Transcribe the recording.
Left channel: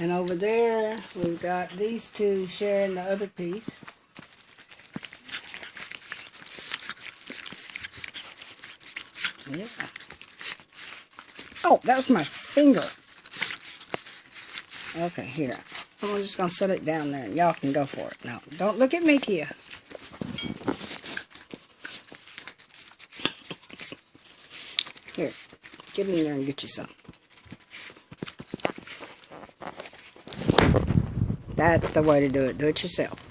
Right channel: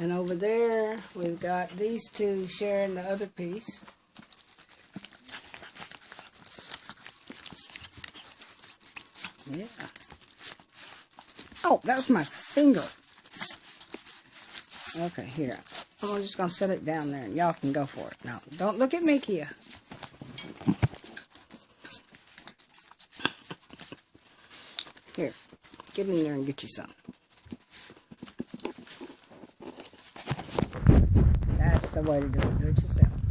And over there, we've got these two sharing the other piece. Yeah. Oh, that was my finger. Okay, here. I'm just going to set it down there, and y'all can go for it. No, don't look at me, Kia. Here, get in there and get you some. That's the way to do it. Do it yourself.